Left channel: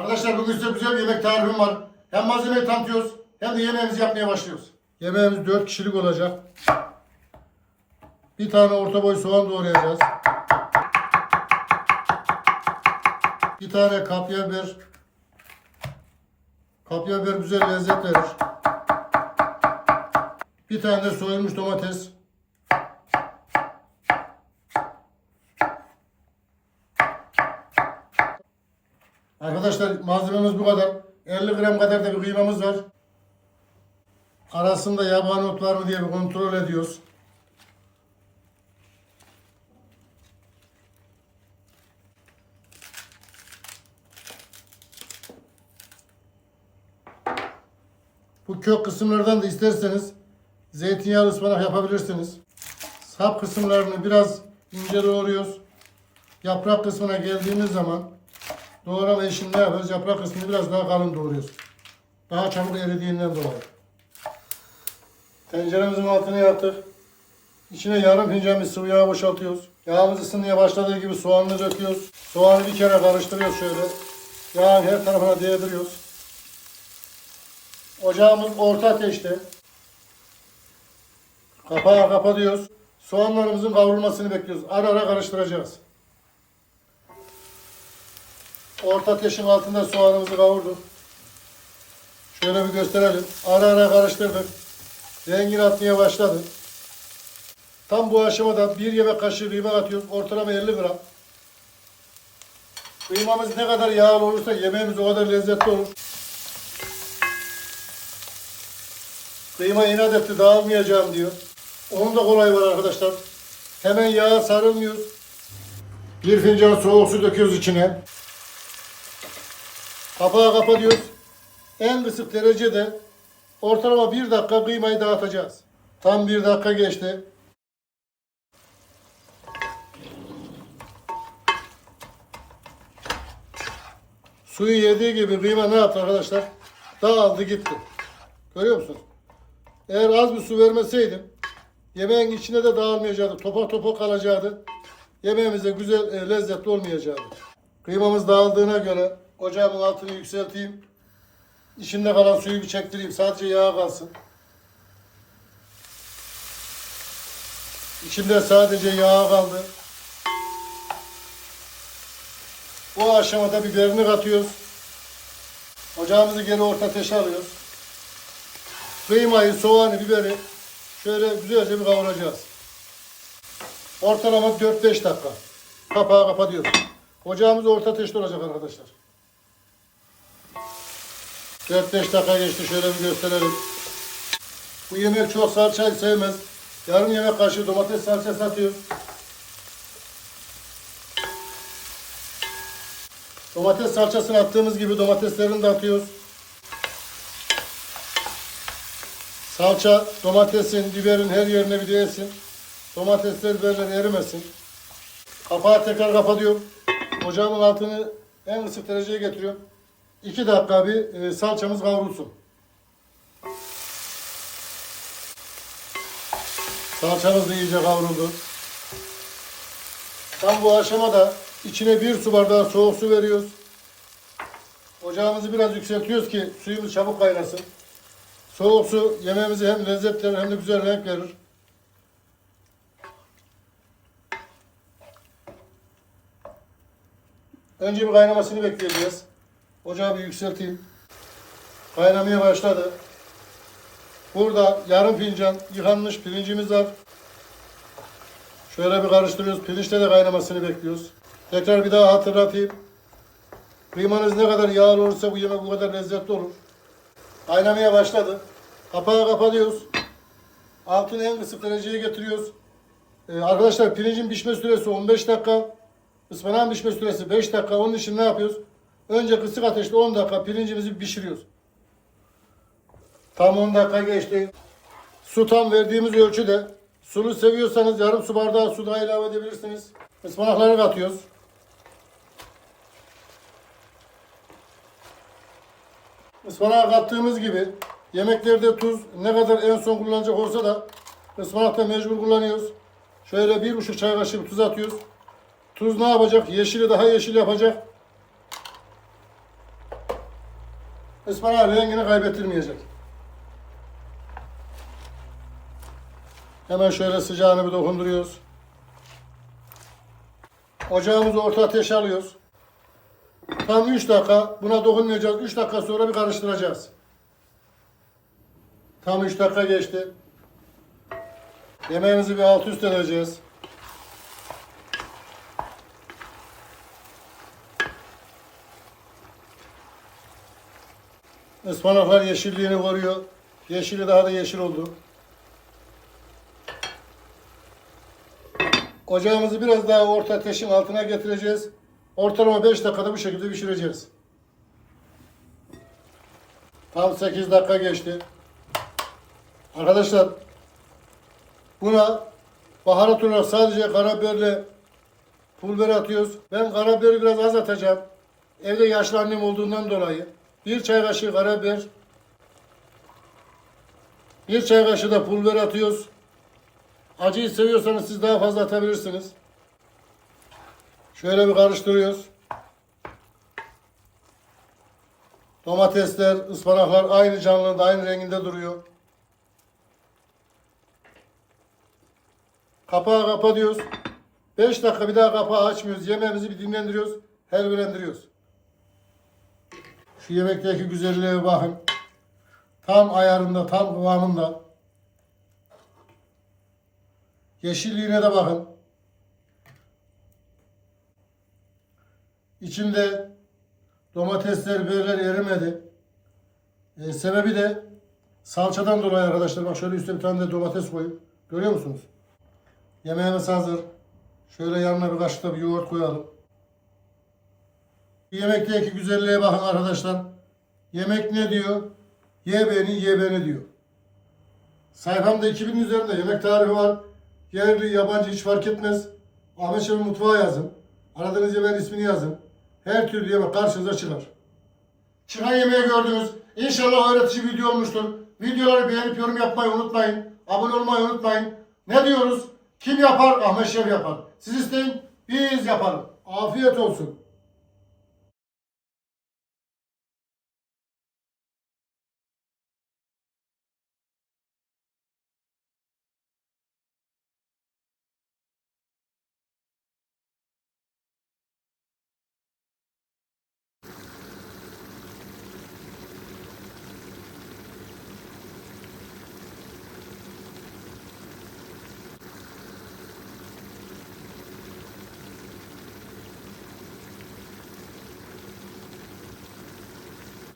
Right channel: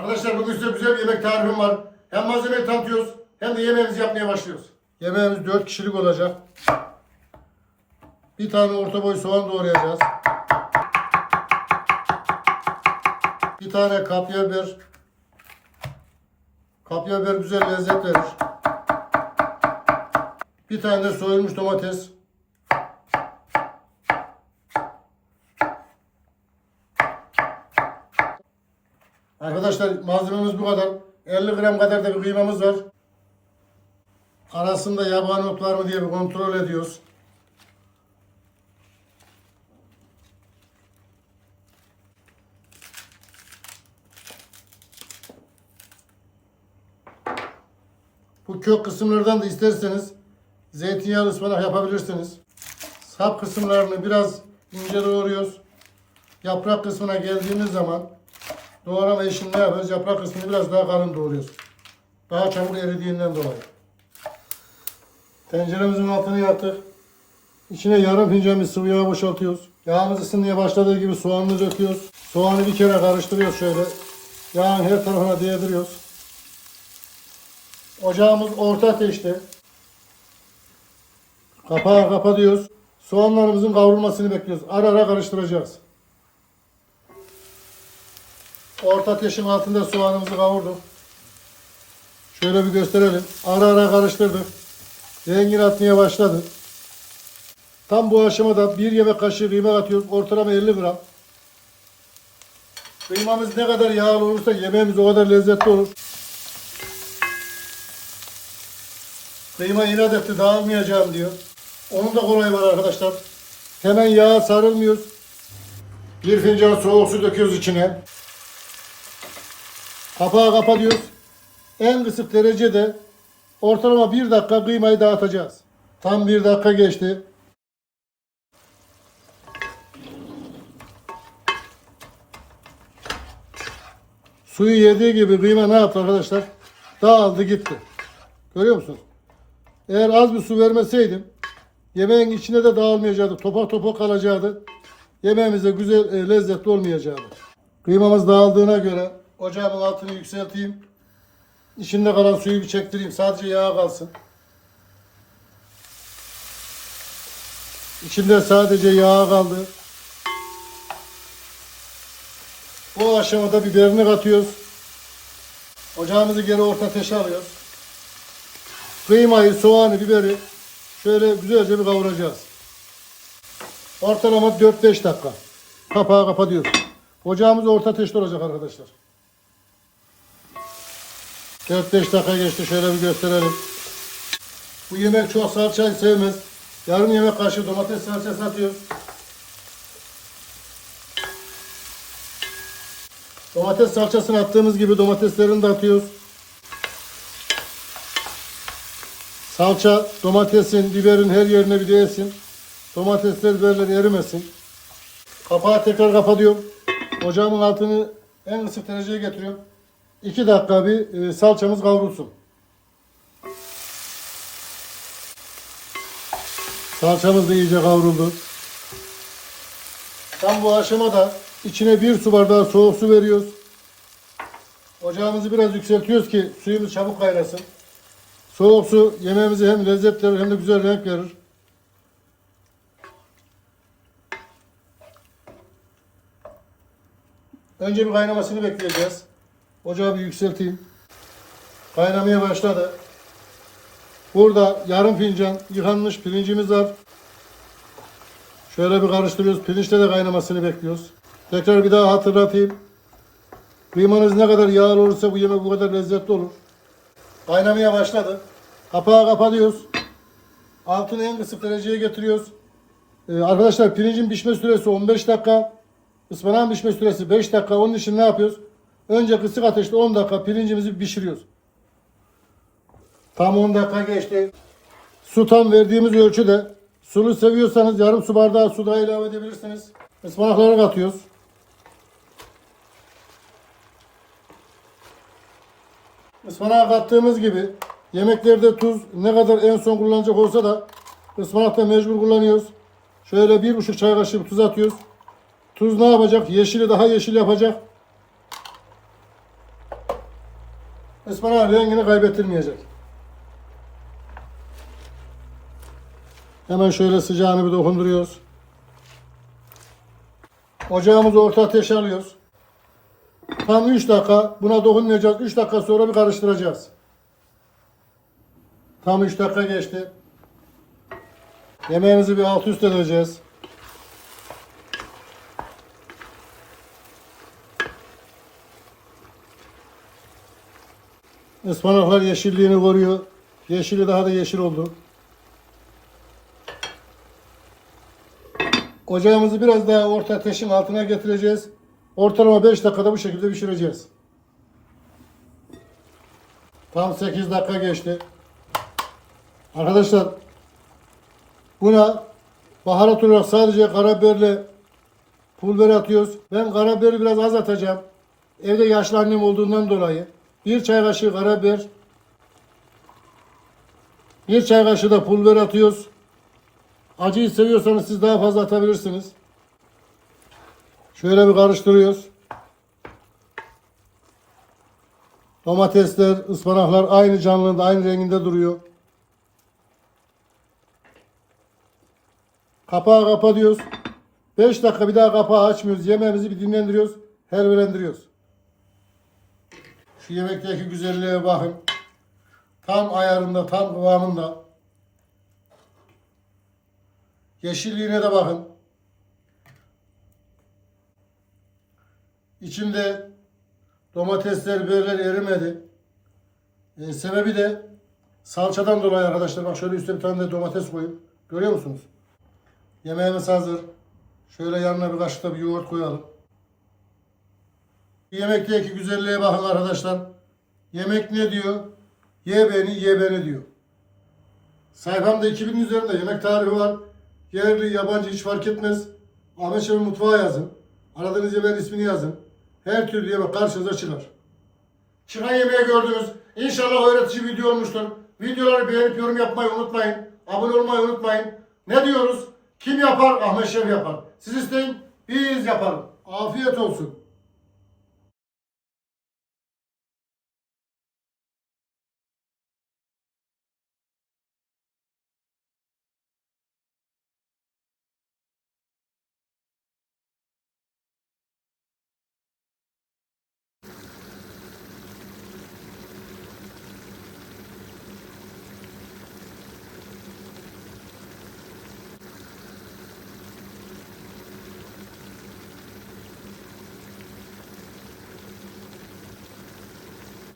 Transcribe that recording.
Arkadaşlar bugün size güzel bir yemek tarifim var. Hem malzemeyi tanıtıyoruz hem de yemeğimizi yapmaya başlıyoruz. Yemeğimiz 4 kişilik olacak. Bir tane orta boy soğan doğrayacağız. Bir tane kapya biber. Kapya biber güzel lezzet verir. Bir tane de soyulmuş domates. Arkadaşlar malzememiz bu kadar. 50 gram kadar da bir kıymamız var. Arasında yabani ot var mı diye bir kontrol ediyoruz. Bu kök kısımlardan da isterseniz zeytinyağlı ıspanak yapabilirsiniz. Sap kısımlarını biraz ince doğruyoruz. Yaprak kısmına geldiğimiz zaman doğrama işini ne yapıyoruz? Yaprak kısmını biraz daha kalın doğruyoruz. Daha çabuk eridiğinden dolayı. Tenceremizin altını yaktık. İçine yarım bir sıvı yağ boşaltıyoruz. Yağımız ısınmaya başladığı gibi soğanını döküyoruz. Soğanı bir kere karıştırıyoruz şöyle. Yağın her tarafına değdiriyoruz. Ocağımız orta ateşte. Kapağı kapatıyoruz. Soğanlarımızın kavrulmasını bekliyoruz. Ara ara karıştıracağız. Orta ateşin altında soğanımızı kavurduk. Şöyle bir gösterelim. Ara ara karıştırdık. Rengini atmaya başladı. Tam bu aşamada bir yemek kaşığı kıyma atıyoruz. Ortalama 50 gram. Kıymamız ne kadar yağlı olursa yemeğimiz o kadar lezzetli olur. Kıyma inat etti dağılmayacağım diyor. Onun da kolay var arkadaşlar. Hemen yağa sarılmıyoruz. Bir fincan soğuk su döküyoruz içine. Kapağı kapatıyoruz. En kısık derecede ortalama bir dakika kıymayı dağıtacağız. Tam bir dakika geçti. Suyu yediği gibi kıyma ne yaptı arkadaşlar? Dağıldı gitti. Görüyor musunuz? Eğer az bir su vermeseydim yemeğin içine de dağılmayacaktı. Topak topak kalacaktı. Yemeğimiz de güzel, e, lezzetli olmayacaktı. Kıymamız dağıldığına göre ocağımın altını yükselteyim. İçinde kalan suyu bir çektireyim. Sadece yağ kalsın. İçinde sadece yağ kaldı. O aşamada biberini katıyoruz. Ocağımızı geri orta ateşe alıyoruz. Kıymayı, soğanı, biberi şöyle güzelce bir kavuracağız. Ortalama 4-5 dakika. Kapağı kapatıyoruz. Ocağımız orta ateşte olacak arkadaşlar. 4-5 dakika geçti. Şöyle bir gösterelim. Bu yemek çok salça sevmez. Yarım yemek kaşığı domates salçası atıyoruz. Domates salçasını attığımız gibi domateslerini de atıyoruz. Salça domatesin, biberin her yerine bir değsin. Domatesler biberler erimesin. Kapağı tekrar kapatıyorum. Ocağımın altını en ısık dereceye getiriyorum. 2 dakika bir e, salçamız kavrulsun. Salçamız da iyice kavruldu. Tam bu aşamada içine bir su bardağı soğuk su veriyoruz. Ocağımızı biraz yükseltiyoruz ki suyumuz çabuk kaynasın. Soğuk su yemeğimize hem lezzet verir hem de güzel renk verir. Önce bir kaynamasını bekleyeceğiz. Ocağı bir yükselteyim. Kaynamaya başladı. Burada yarım fincan yıkanmış pirincimiz var. Şöyle bir karıştırıyoruz. Pirinçte de kaynamasını bekliyoruz. Tekrar bir daha hatırlatayım. Kıymanız ne kadar yağlı olursa bu yemek bu kadar lezzetli olur. Kaynamaya başladı. Kapağı kapatıyoruz. Altını en kısık dereceye getiriyoruz. Ee, arkadaşlar pirincin pişme süresi 15 dakika. Ispanağın pişme süresi 5 dakika. Onun için ne yapıyoruz? Önce kısık ateşte 10 dakika pirincimizi pişiriyoruz. Tam 10 dakika geçti. Su tam verdiğimiz ölçüde. Sulu seviyorsanız yarım su bardağı su daha ilave edebilirsiniz. Ispanakları katıyoruz. Ispanağı kattığımız gibi yemeklerde tuz ne kadar en son kullanacak olsa da ıspanakta mecbur kullanıyoruz. Şöyle bir buçuk çay kaşığı tuz atıyoruz. Tuz ne yapacak? Yeşili daha yeşil yapacak. Ispanağın rengini kaybettirmeyecek. Hemen şöyle sıcağını bir dokunduruyoruz. Ocağımızı orta ateşe alıyoruz. Tam 3 dakika buna dokunmayacağız. 3 dakika sonra bir karıştıracağız. Tam 3 dakika geçti. Yemeğimizi bir alt üst edeceğiz. Ispanaklar yeşilliğini koruyor. Yeşili daha da yeşil oldu. Ocağımızı biraz daha orta ateşin altına getireceğiz. Ortalama 5 dakikada bu şekilde pişireceğiz. Tam 8 dakika geçti. Arkadaşlar buna baharat olarak sadece karabiberle pul atıyoruz. Ben karabiberi biraz az atacağım. Evde yaşlı annem olduğundan dolayı. Bir çay kaşığı karabiber. Bir çay kaşığı da pul biber atıyoruz. Acıyı seviyorsanız siz daha fazla atabilirsiniz. Şöyle bir karıştırıyoruz. Domatesler, ıspanaklar aynı canlılığında, aynı renginde duruyor. Kapağı kapatıyoruz. 5 dakika bir daha kapağı açmıyoruz. Yemeğimizi bir dinlendiriyoruz. Helvelendiriyoruz. Şu yemekteki güzelliğe bakın. Tam ayarında, tam kıvamında. Yeşilliğine de bakın. İçinde domatesler, biberler erimedi. Ee, sebebi de salçadan dolayı arkadaşlar. Bak şöyle üstüne bir tane de domates koyup. Görüyor musunuz? Yemeğimiz hazır. Şöyle yanına bir kaşık da bir yoğurt koyalım. Yemekteki güzelliğe bakın arkadaşlar. Yemek ne diyor? Ye beni, ye beni diyor. Sayfamda 2000 üzerinde yemek tarifi var. Yerli, yabancı hiç fark etmez. Ahmet Şef'in mutfağı yazın. Aradığınız yemeğin ismini yazın. Her türlü yemek karşınıza çıkar. Çıkan yemeği gördünüz. İnşallah öğretici video olmuştur. Videoları beğenip yorum yapmayı unutmayın. Abone olmayı unutmayın. Ne diyoruz? Kim yapar? Ahmet Şef yapar. Siz isteyin, biz yaparız. Afiyet olsun.